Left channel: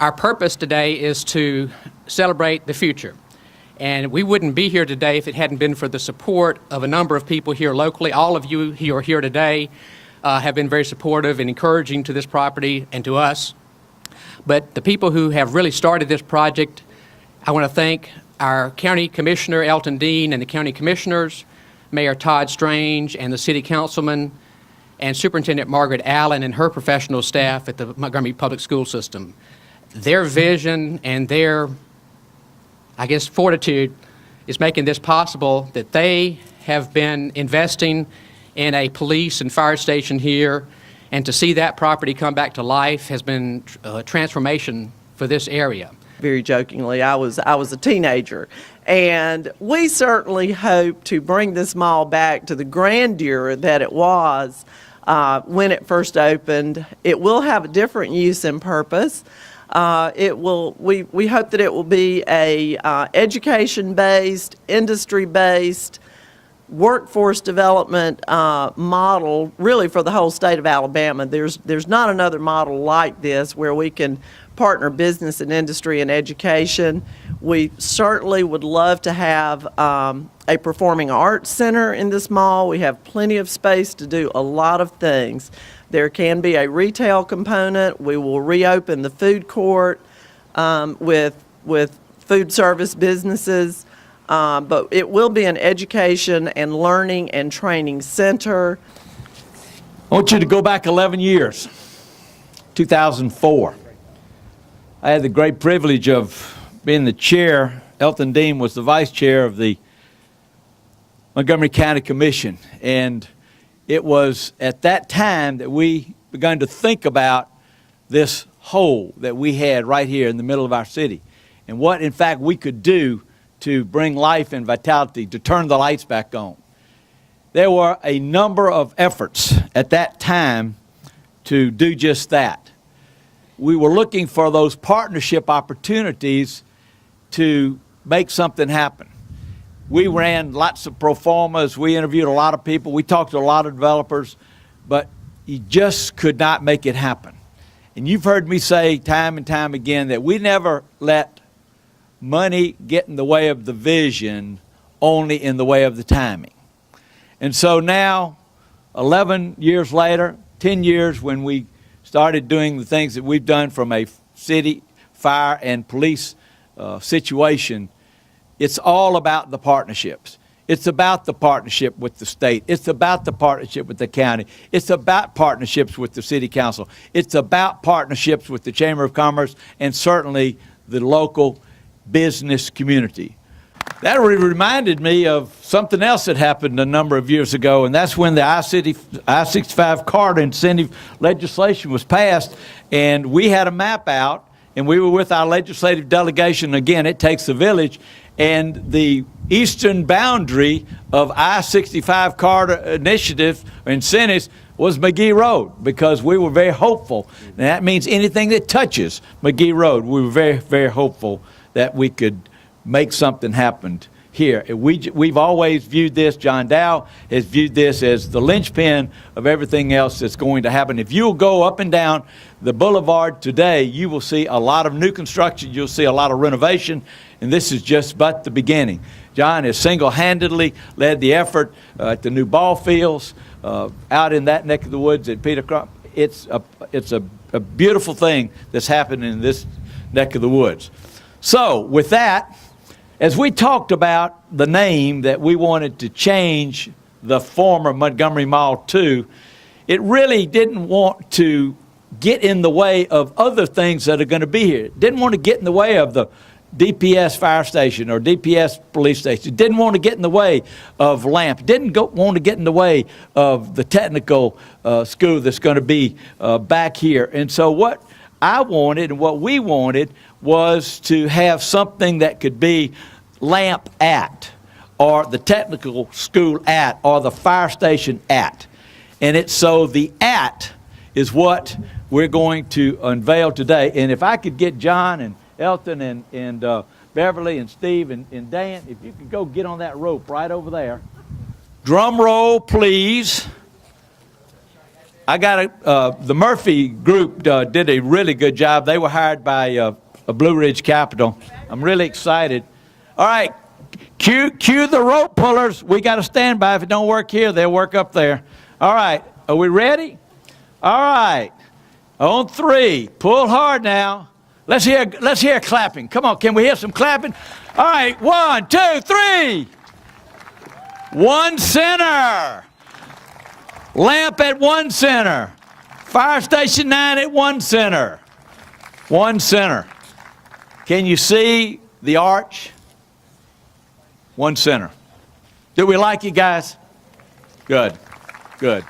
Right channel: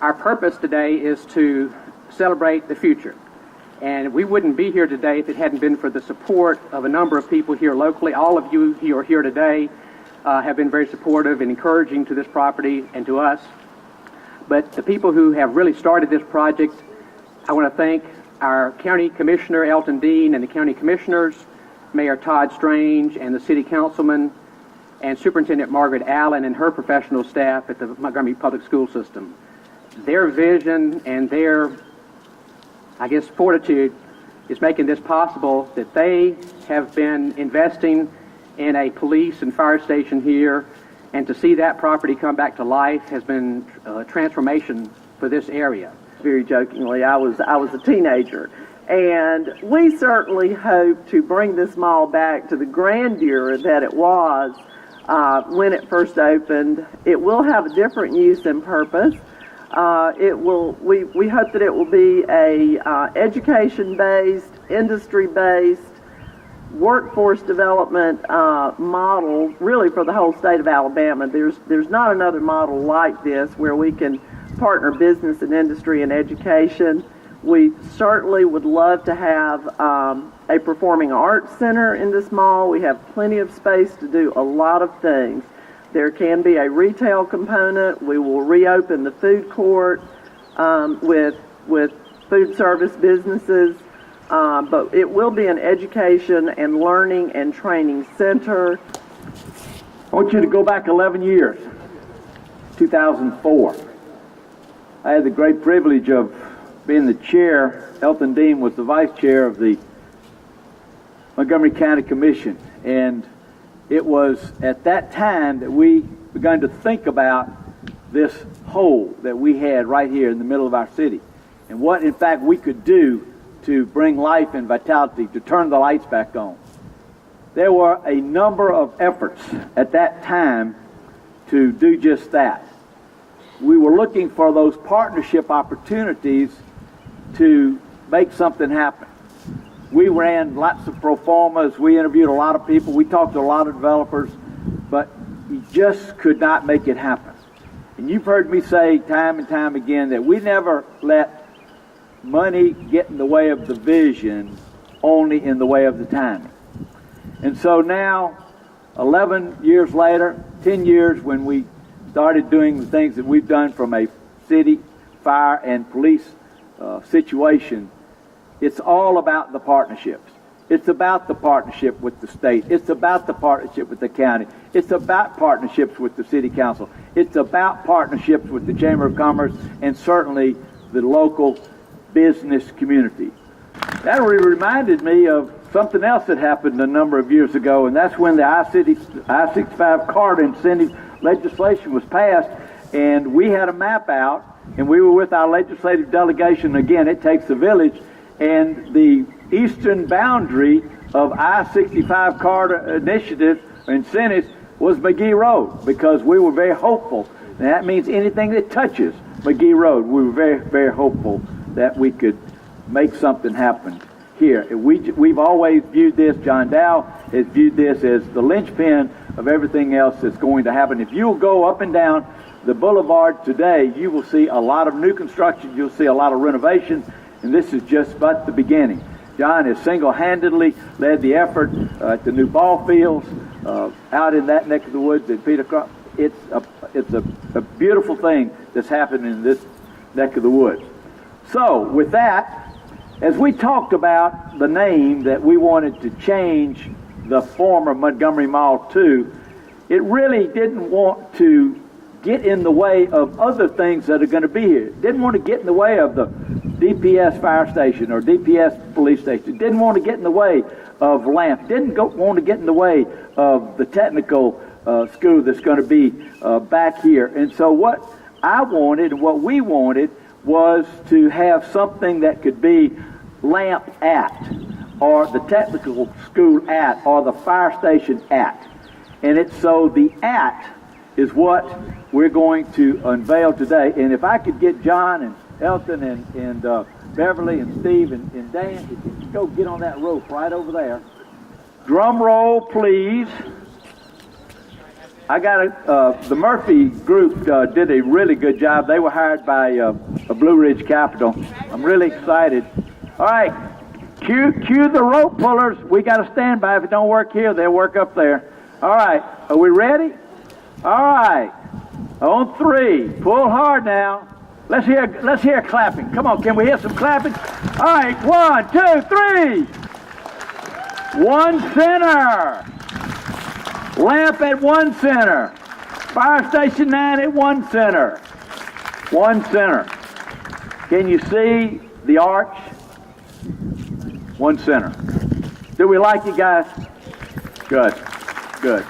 Our purpose today is to celebrate the future. And we wouldn't be here today if it hadn't been for the support of a number of people here locally. All of you who are here today have been very supportive and encouraging to this property and to us. But the people who have really started this project, I want to thank our County Commissioner, Elton and the County Commissioners, Mayor Todd Strange, and the City Councilman, and Superintendent Margaret Allen and her professional staff at the Montgomery Public School System. Their vision and their, I guess, fortitude is making this possible, that they have been investing in a police and fire station here, and to see that property come back to life has been a transformation for this area. Very jokingly, I was a teenager, and we certainly hope to bring this mall back to the grandeur that it was when it first opened. It will have a different use and purpose. We hope that it will be a education-based, industry-based, workforce development model really for the whole state of Alabama. There's not another model like this where we can partner business and industry and education. We certainly would love to have a performing arts center in this mall. We have plenty of space to do a lot of things. There can be a retail component. We will reopen the food court with food service businesses. But it will be an education and learning and training center. I want you to go back 11 years, 2004. I had the great privilege of being the chair. Elton Dean was the vice chair of the Montgomery County Commission. And it was at that time that we began to think about this hole that we had right here in the middle of our city, and what, in fact, we could do to bring life and vitality, to turn the lights back on. There were a number of efforts at that time to do just that. We were looking for those partnership opportunities to make something happen. We ran lots of pro formas, we interviewed a lot of people, we talked to a lot of developers, but you just could not make it happen. And you've heard me say time and time again that we never let money get in the way of the vision, only in the way of the timing. And so now, 11 years later, 10 years when we started doing the things that we've done from a city, fire, and police situation, it's all about the partnerships. It's about the partnership with the state. It's about the partnership with the county. It's about partnerships with the city council. It's about partnerships with the Chamber of Commerce and certainly the local business community. That reminded me of something else that happened a number of years ago, and that's when the I-65 corridor incentive legislation was passed, and we had a map out, and we were with our legislative delegation. Again, it takes a village, and the eastern boundary of I-65 corridor initiative or incentives was McGee Road, because we were very hopeful, and that means anything that touches McGee Road, we were very, very hopeful that we could make something happen here. We've always viewed this, John Dow has viewed this as the linchpin of everything else that's going to happen. If you'll go up and down the boulevard today, you will see a lot of new construction, you'll see a lot of renovation, and this is just but the beginning. John has single-handedly led the effort at the new ball fields out in that neck of the woods at Peter Crump. It's a beautiful thing that's happened in this neck of the woods. So with that, as we talked about the name that we wanted to change the former Montgomery Mall to, it really didn't want to get in the way of other things that are going to be here. It didn't want to get in the way of the DPS fire station or DPS police station. It didn't want to get in the way of LAMP. It didn't want to get in the way of the technical school that's going to be back here. And so what I wanted and what we wanted was to have something that could be LAMP at, or the technical school at, or the fire station at. And it's so the at is what we're going to unveil today. And if I could get John and Elton and Beverly and Steve and Dan, if you could go get on that rope right over there. Drum roll, please. the Murphy group did a really good job. They were hired by Blue Ridge Capital. I'm really excited. All right, cue the rope pullers. We got to stand by. If it don't work here, they'll work up there. All right, are we ready? All right, on 3, pull hard now. Let's hear clapping. Come on, can we hear some clapping? All right, 1, 2, 3. 1 center. Lamp at 1 center. Fire station 9 at 1 center. 1 center. Can you see the arch? 1 center. Do we like you guys? Good, good.